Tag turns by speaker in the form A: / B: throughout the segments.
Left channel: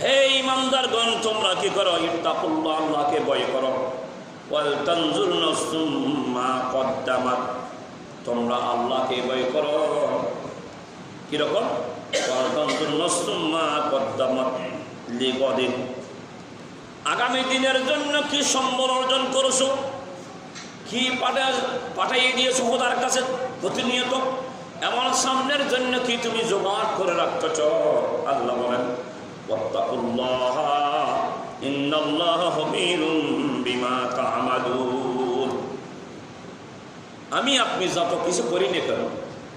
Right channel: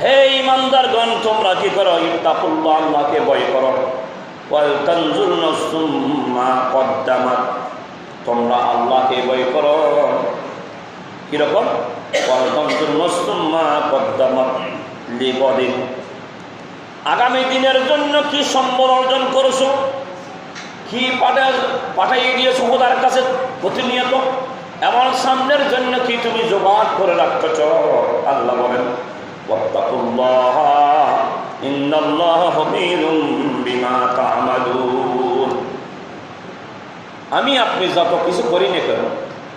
A: হে ইমানদারগণ তোমরা কি করো? ইত্তাকুল্লাহ, আল্লাহকে ভয় করো। তোমরা আল্লাহকে ভয় করো। কীরকম আগামী দিনের জন্য কি সম্বল অর্জন করেছ? কি পাঠা পাঠাইয়ে দিয়েছ? খোদার কাছে প্রতিনিয়ত? এবং সামনের জন্য কি তুমি জোগাড় করে রাখতেছ আল্লাহ বলেন আমি আপনি যত কিছু করি না কেন,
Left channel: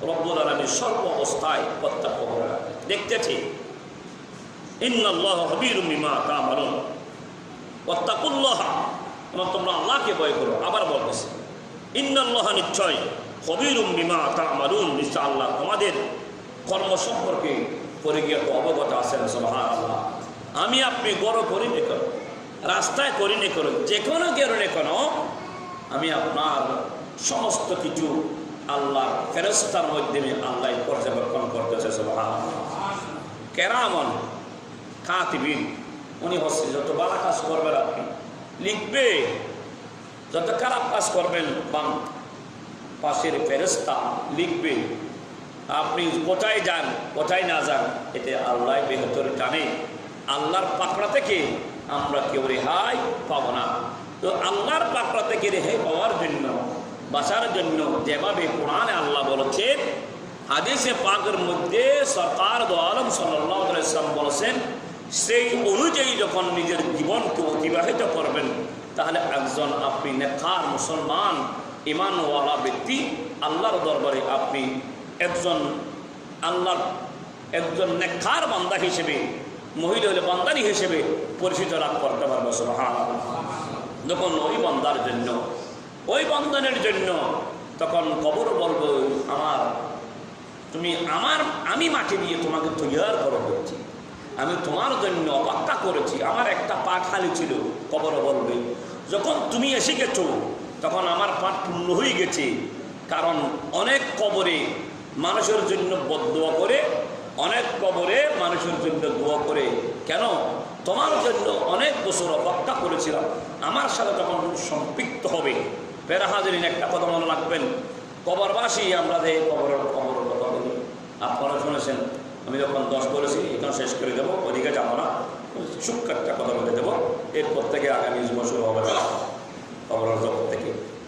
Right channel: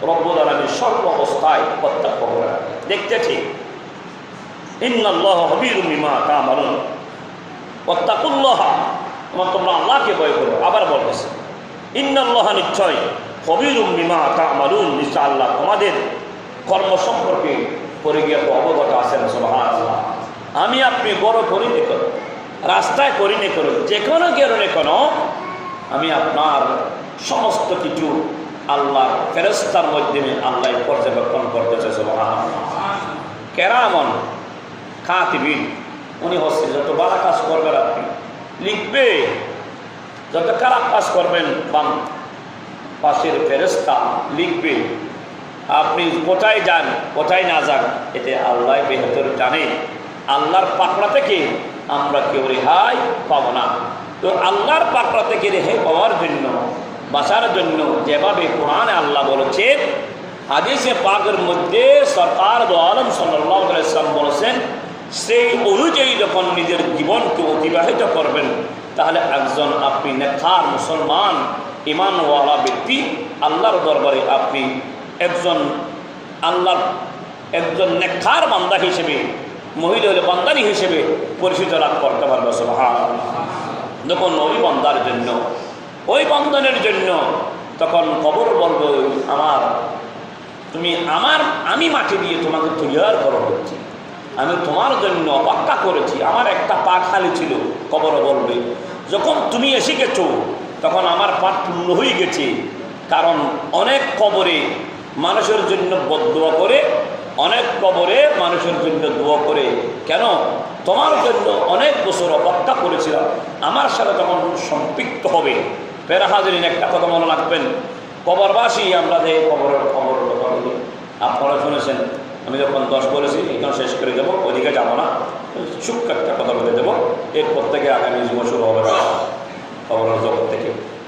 A: রব্বুল আলামিন সর্ব অবস্থায় প্রত্যক্ষ করে দেখতে ঠিক। ইন্নাল্লাহ খবীরুম বিমা তা'মালুন। ওয়াত্তাকুল্লাহ, তোমার আল্লাহকে ভয় করো। আবার বলতেছে, ইন্নাল্লাহ নিশ্চয় কবিরুম বিমা তা'মালুন নিশ্চয় আল্লাহ তোমাদের কর্ম সম্পর্কে পরিজ্ঞাত অবগত আছেন, সুবহানাল্লাহ। আমি আপনি বড় করি নে করো, রাস্তায় করি নে করো যে কোনো কারণে কোনো, আমি আপনার সমস্ত কিছু আল্লাহ ফেরস্তার মাধ্যমে আল্লাহ পর্যবেক্ষণ করতেছে, সুবহানাল্লাহ। কেরামন কাতিবিন উনি হচ্ছে যত বালা কাজ করবেন আপনি, লিখবে, যত খারাপ কাজ করবেন বাম পাশের ফেরেস্তা লিখবে, আপনি কোথায় যান, কোথায় না যান? এতে আল্লাহ বেহতর জানে। আল্লাহর পাকড়া থেকে আমরা কেউ রেহাই পাব না। তো আল্লাহর পাকড়া থেকে রেহাই পাওয়ার জন্য, বাঁচার জন্য যেভাবে কোরআনে আল্লাহ বলেছেন, হাদিসে পাকের মধ্যে সরকার আলম সাল্লাহ ইসলাম বলেছেন, সেই অনুযায়ী যখন নিজের জীবনকে অতিবাহিত করবেন, তাহলে একজন আপনি নেখার মুসলমান ইমানওয়ালা ব্যক্তি আল্লাহর দরবারে আপনি একজন আল্লাহর একজন নেখার বান্দা হিসেবে, মহিলা হলে বান্দানি হিসেবে পরিচিত লাভ করতে পারবে সুবহান যখন ওই বান্দার জন্য, ওই বন্ধনের জন্য তখন কবর বলব, আমার, তুমি আমার, আমি মাটি দিয়ে তোমাকে তুলিয়ার করা হচ্ছে। আমি তোমার জন্য অপেক্ষা করেছি। আমার একটা পা খালি ছিল। কবর বলবে, যখন তুমি এসে গেছো তখন আমার পাঠ পূর্ণ হয়ে গেছে। কারণ অনেক কবরে মানুষের জন্য বদুয়া করে, অনেক কবরে মানুষের জন্য দোয়া করে। কেন? তোমার জন্য অনেক বছর অপেক্ষা করেছিলাম। আমার সাথে তখন সম্পৃক্ত হবে। ফেরা একটা কথা মনে রাখবেন। কবরবাসী, আমরা যে কবরের খবর আপনারা শুনেছেন। আমি যখন দশ বলেছি এখানে শেষ করে দেবো ওদিকে যাব না। চুপ একটা কথা বলে দেবো। এরপর থেকে আগামী যুব শুরু হবে খবরের জগৎ থেকে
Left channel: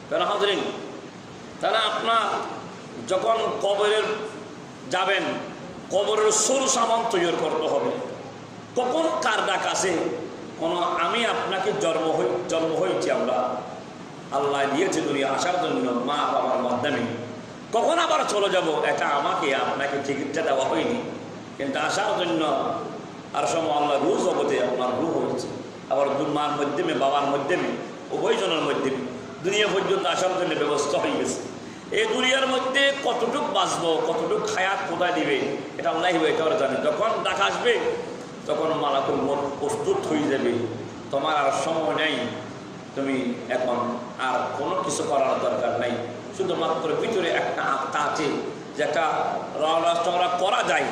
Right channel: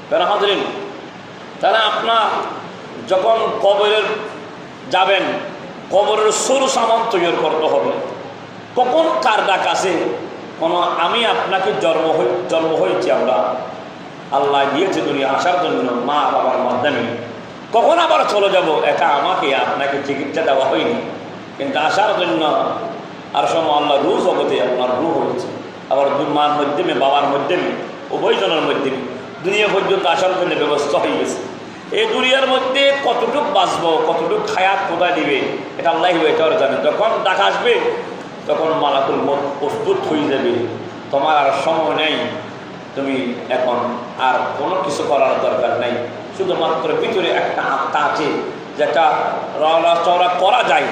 A: ফেরা হাজরিন, তাহলে আপনার যখন কবরের যাবেন, কবরের সরু সামান তৈরি করতে হবে। কখন কার ডাক আছে কোনো আমি আপনাকে জন্ম হই জন্ম হয়েছি আমরা। আল্লাহ দিয়েছে দুনিয়া আসার জন্য, মা বাবার মাধ্যমে। কখন আবার চলে যাব? এটা আমাকে আপনাকে চিকিৎসা দেওয়া হয়নি। কিন্তু আসার জন্য আর সময় আল্লাহ রু জগতে আপনার রু হয়েছে। আবার দু মার মাধ্যমে, বাবার মাধ্যমে, উভয়জনের মাধ্যমে। দুনিয়া পর্যন্ত আসার জন্য ব্যবস্থা হয়ে গেছে। এই দুনিয়ার মধ্যে কতটুক বাঁচব, কতটুক খায়াত কোথায় দিবে, এটা আল্লাহ এটা জানে। যখন ডাক আসবে, তখন মালাকুল মত প্রস্তুত হয়ে যাবে। তোমার আর সময় নেই। তুমি এখন আর কোনো কিছু করার দরকার নেই। শুধুমাত্র ভিতরে একটা আত্মা আছে, যেটা রওনা চওড়া করা যায়,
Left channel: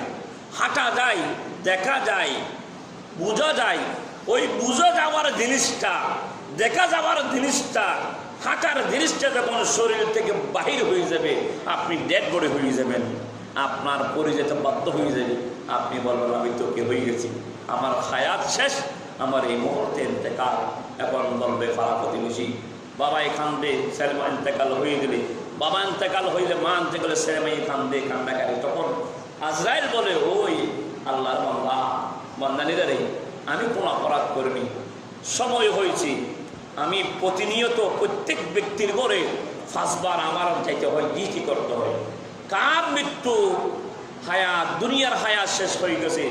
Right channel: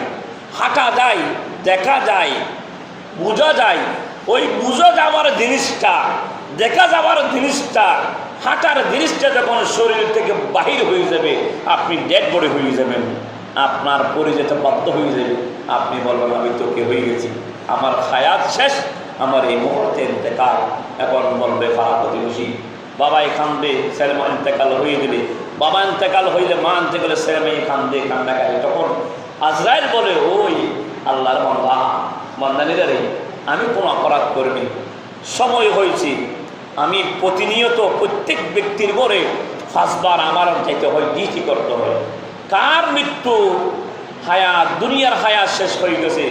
A: হাঁটা যায়, দেখা যায়, বোঝা যায় ওই বুঝা যাওয়ার জিনিসটা, দেখা যাওয়ার জিনিসটা, হাঁটার জিনিসটা যখন শরীর থেকে বাহির হয়ে যাবে, আপনি ডেড বডি হয়ে যাবেন, আপনার পরে যেতে বাধ্য হয়ে যাবে। আপনি বলবেন, আমি তোকে হয়ে গেছি। আমার খায়াত শেষ, আমার এই মুহূর্তে ইন্তেকাল। এখন বলবে ফা প্রতিবেশী বাবা এখান দিয়ে সেলমা ইন্তেকাল হয়ে গেলে, বাবা ইন্তেকাল হইলে মা ইন্তেকালে সেলমা এখান দিয়ে কান্নাকাটি। তখন আজরাইল বলে, ওই আল্লাহর বান্দা, বান্দানিরা রে আমি কোনো অপরাধ করিনি। সময় হয়েছে, আমি প্রতিনিয়ত প্রত্যেক ব্যক্তির ঘরে ফাঁসবার আমার যাইতে হয়, ডিউটি করতে হয়। কার মৃত্যু হায়াত দুনিয়ার হায়াত শেষ হয়ে গেছে,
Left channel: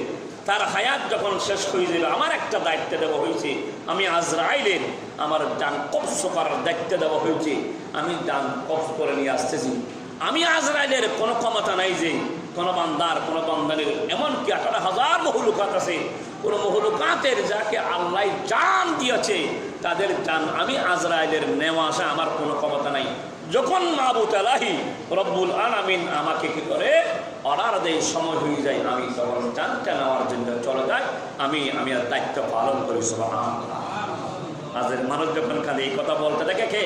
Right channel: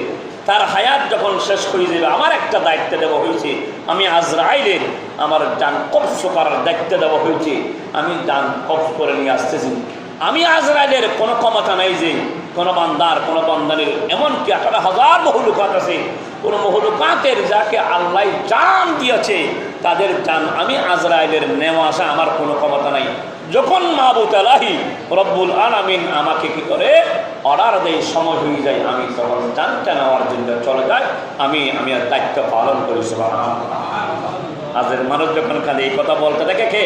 A: তার হায়াত যখন শেষ হয়ে যাবে, আমার একটা দায়িত্ব দেওয়া হয়েছে, আমি আজরাইলের আমার ডান কবস করার দায়িত্ব দেওয়া হয়েছে, আমি ডান কবস করে নিয়ে আসতেছি। আমি আজরাইলের কোনো ক্ষমতা নাই যে, কোনো বান্দার, কোনো বান্দানের, এমনকি আঠারো হাজার কোনো মহলুকাতের যাকে আল্লাহ জান দিয়েছে, তাদের জান আমি আজরাইলের নেওয়া আসা আমার কোনো ক্ষমতা নাই যখন মাহবুত আলাহি রব্বুল আলামিন আমাকে কি করে অর্ডার দেয়, সময় হয়ে যায়, আমি তখন জানটা নেওয়ার জন্য চলে যায় আমি আমি আর দায়িত্ব পালন করি, সুবহানাল্লাহ। আজের মানুষ যখন খালি এই কথা বলতে থাকে কে।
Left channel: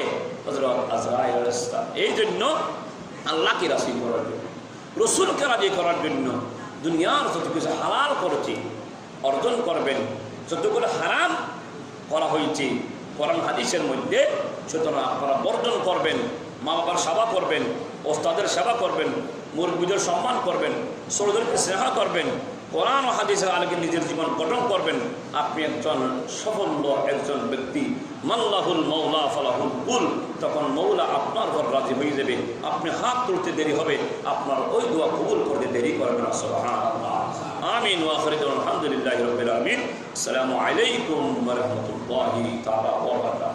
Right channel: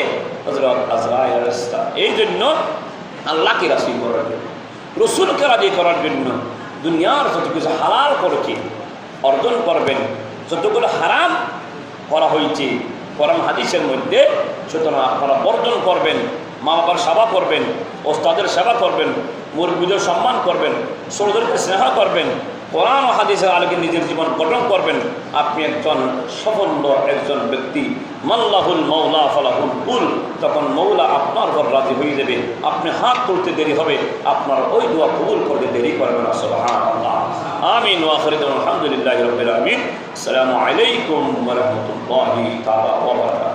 A: এই জন্য আল্লাহকে রাসি করার জন্য, রসুলকে রাজি করার জন্য দুনিয়ার যত কিছু হালাল করেছি, অর্জন করবেন যতগুলো হারাম করা হয়েছে কোরআন হাদিসের মধ্যে, সুতরাং আপনারা বর্জন করবেন, মা বাবার সেবা করবেন, ওস্তাদের সেবা করবেন, মুরব্বীদের সম্মান করবেন, ছোটদেরকে স্নেহ করবেন, কোরআন হাদিসের আলোকে নিজের জীবন গঠন করবেন। আপনি একজন সফল একজন ব্যক্তি। মাল্লাহুল মৌলা ফলাহুল কুল। তখন মৌলা আপনার ঘর রাজি হয়ে যাবে। আপনি হাত তুলতে দেরি হবে। আপনার ওই দোয়া কবুল করতে দেরি করবে না আমি আমিন আলহামদুলিল্লাহি আলামিন। আসসালামু আলাইকুম রহমতুল্লাহ